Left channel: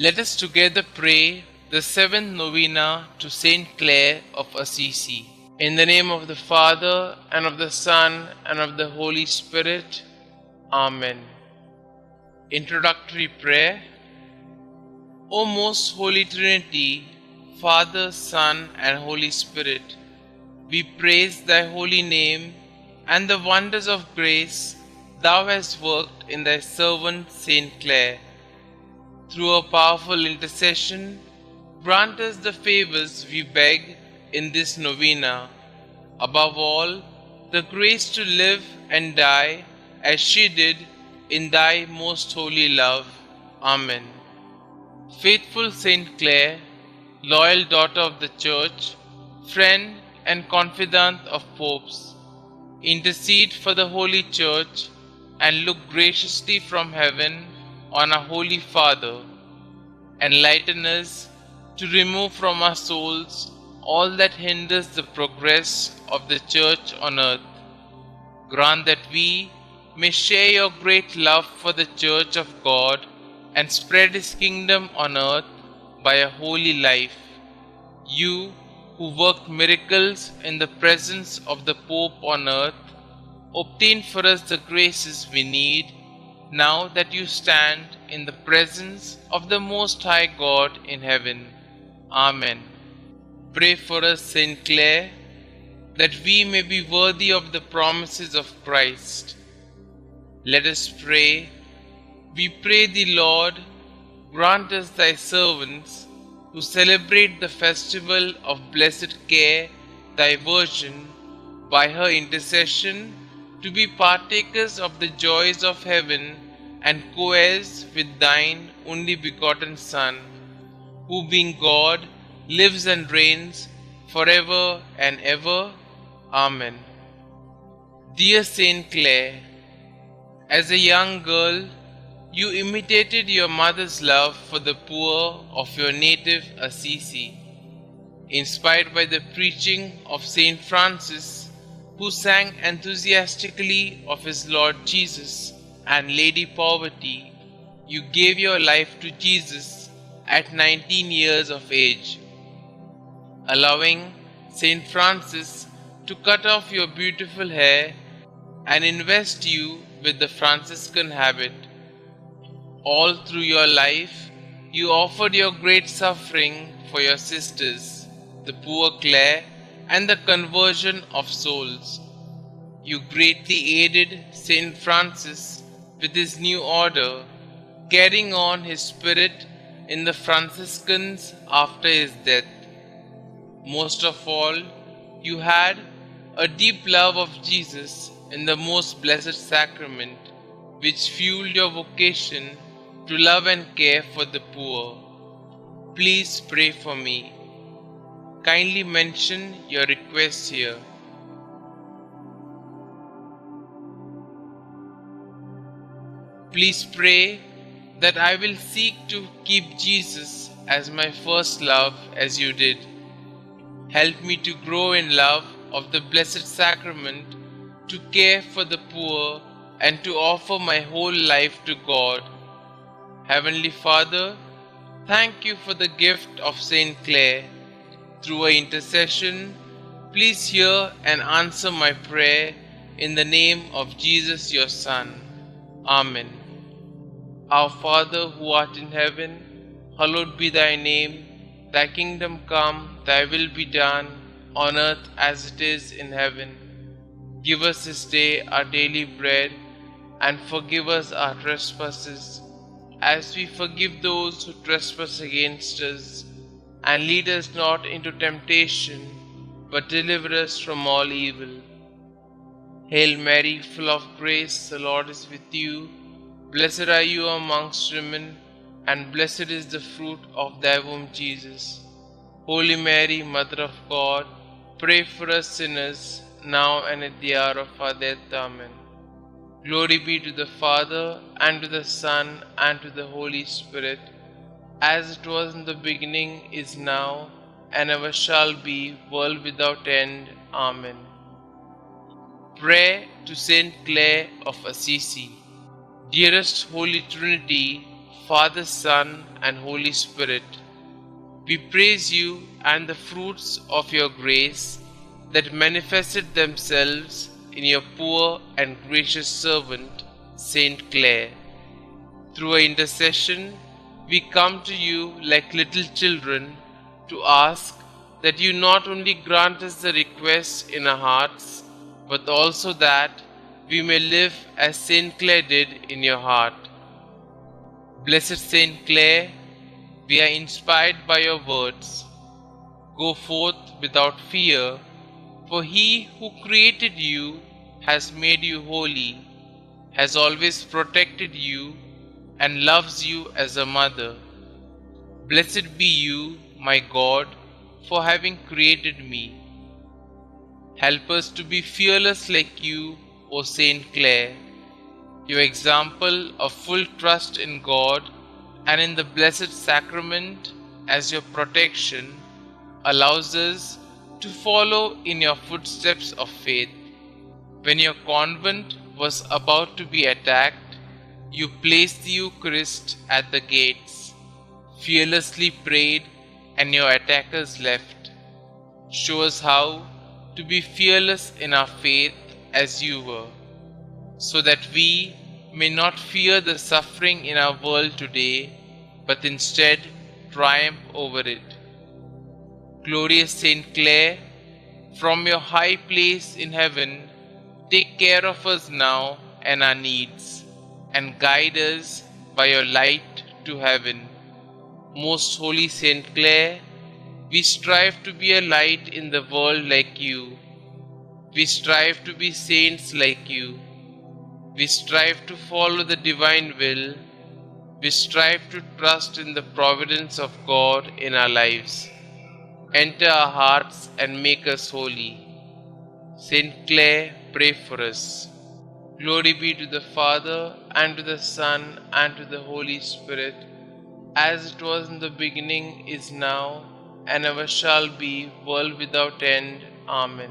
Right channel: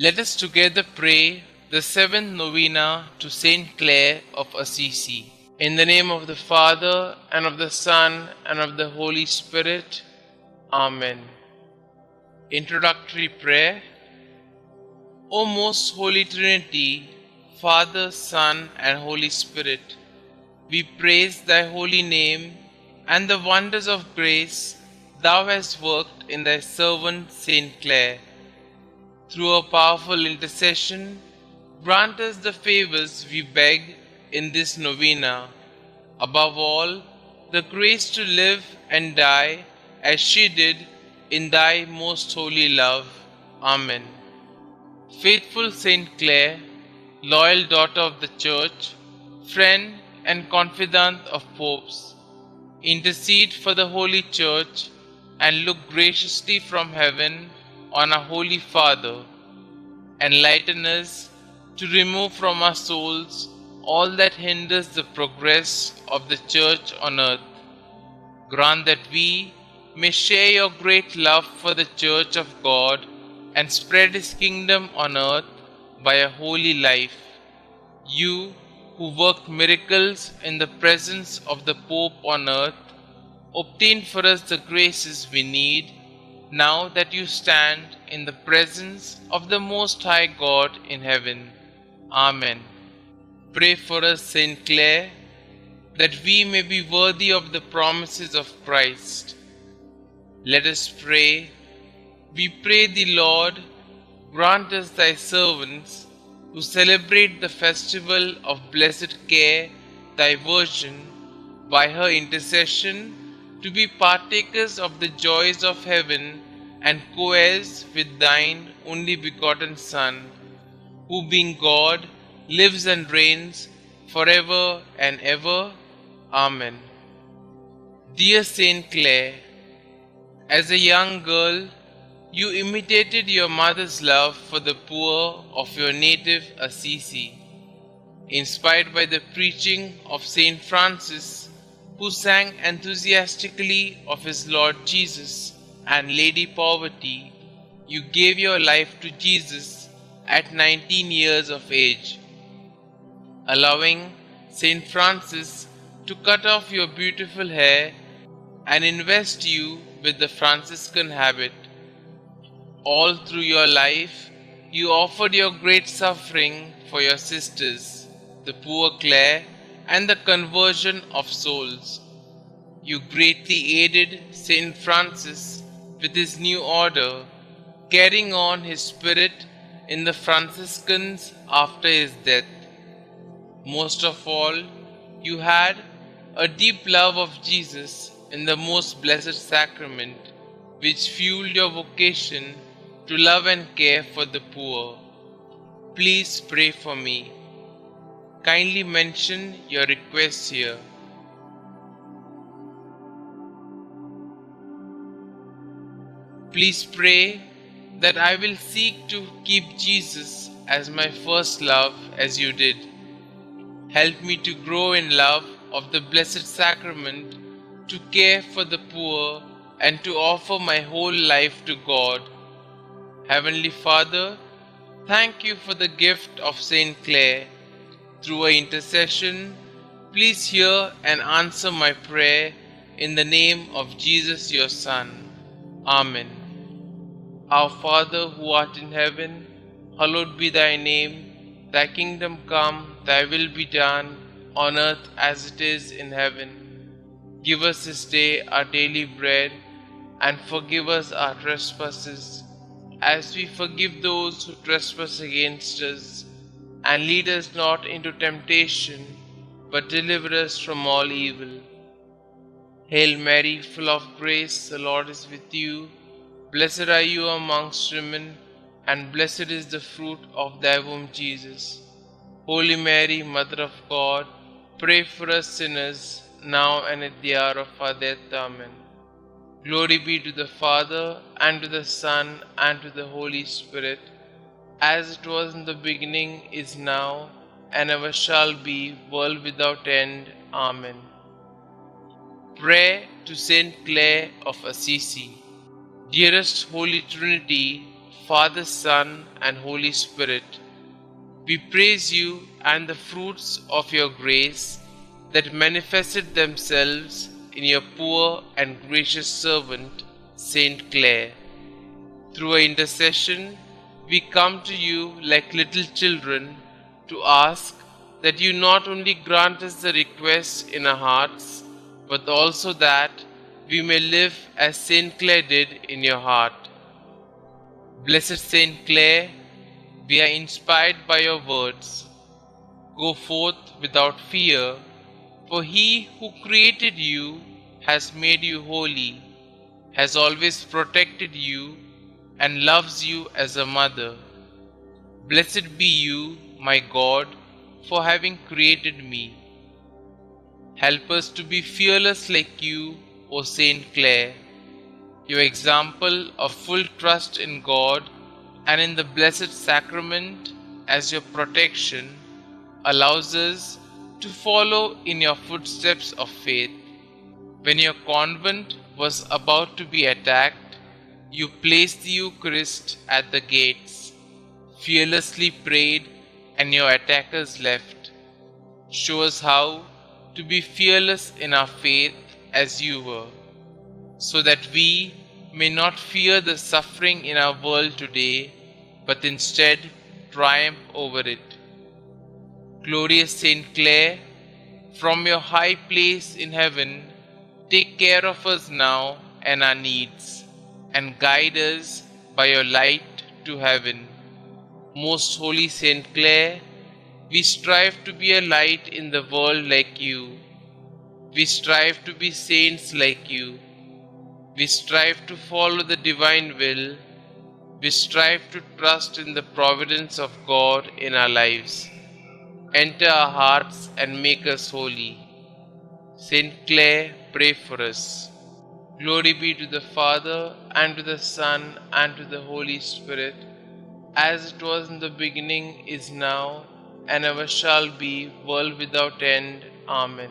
Let us together pray the seventh novena to St Clare of Assisi. In the name of the Father, and of the Son, and of the Holy Spirit. Amen. Introductory prayer. O most Holy Trinity, Father, Son, and Holy Spirit, we praise thy holy name and the wonders of grace thou hast worked in thy servant St Clare. Through a powerful intercession, grant us the favors we beg in this novena. Above all, the grace to live and die as she did in thy most holy love. Amen. Faithful St Clare, loyal daughter of the Church, friend and confidant of popes, intercede for the Holy Church and look graciously from heaven on our Holy Father. Enlighten us to remove from our souls all that hinders the progress of the Church on earth. Grant that we may share your great love for the Church of God and spread His kingdom on earth by a holy life. You, who worked miracles in the presence of the Pope on earth, obtain for us the graces we need now that you stand in the presence of the Most High God in heaven. Amen. Pray for us, St. Clare, that we may be worthy of the promises of Christ. Let us pray. We pray thee, Lord, grant us thy servants, who celebrate the festival of blessed Care, thy Virgin, by her intercession, to be partakers of the joys of heaven and co-heirs with thine only begotten Son, who being God, lives and reigns forever and ever. Amen. Dear St. Clare, as a young girl, you imitated your mother's love for the poor of your native Assisi. Inspired by the preaching of St. Francis, who sang enthusiastically of his Lord Jesus and Lady Poverty, you gave your life to Jesus at 19 years of age, allowing St. Francis to cut off your beautiful hair and invest you with the Franciscan habit. All through your life, you offered your great suffering for your sisters, the poor Clare, and the conversion of souls. You greatly aided St. Francis with his new order, carrying on his spirit in the Franciscans after his death. Most of all, you had a deep love of Jesus in the most blessed sacrament, which fueled your vocation to love and care for the poor. Please pray for me. Kindly mention your requests here. Please pray that I will seek to keep Jesus as my first love as you did. Help me to grow in love of the Blessed Sacrament, to care for the poor, and to offer my whole life to God. Heavenly Father, thank you for the gift of St. Clare. Through her intercession, please hear and answer my prayer in the name of Jesus your Son. Amen. Our Father who art in heaven, hallowed be thy name. Thy kingdom come, thy will be done, on earth as it is in heaven. Give us this day our daily bread, and forgive us our trespasses, as we forgive those who trespass against us. And lead us not into temptation, but deliver us from all evil. Hail Mary, full of grace, the Lord is with you. Blessed are you amongst women, and blessed is the fruit of thy womb, Jesus. Holy Mary, Mother of God, pray for us sinners, now and at the hour of our death. Amen. Glory be to the Father, and to the Son, and to the Holy Spirit, as it was in the beginning, is now, and ever shall be, world without end. Amen. Prayer to St. Clare of Assisi. Dearest Holy Trinity, Father, Son, and Holy Spirit. We praise you and the fruits of your grace that manifested themselves in your poor and gracious servant, St. Clare. Through her intercession, we come to you like little children to ask that you not only grant us the requests in our hearts, but also that we may live as St. Clare did in your heart. Blessed St. Clare, we are inspired by your words. Go forth without fear, for he who created you has made you holy, has always protected you, and loves you as a mother. Blessed be you, my God, for having created me. Help us to be fearless like you, O Saint Clare. Your example of full trust in God and in the Blessed Sacrament as your protection allows us to follow in your footsteps of faith. When your convent was about to be attacked, you placed the Eucharist at the gates, fearlessly prayed, and your attackers left. Show us how to be fearless in our faith as you were, so that we may not fear the suffering in our world today, but instead triumph over it. Glorious Saint Clare, from your high place in heaven, take care of us now and our needs, and guide us by your light to heaven. Most Holy Saint Clare, we strive to be a light in the world like you. We strive to be saints like you. We strive to follow the divine will. We strive to trust in the providence of God in our lives. Enter our hearts and make us holy. Saint Clare, pray for us. Glory be to the Father, and to the Son, and to the Holy Spirit, as it was in the beginning, is now, and ever shall be, world without end. Amen.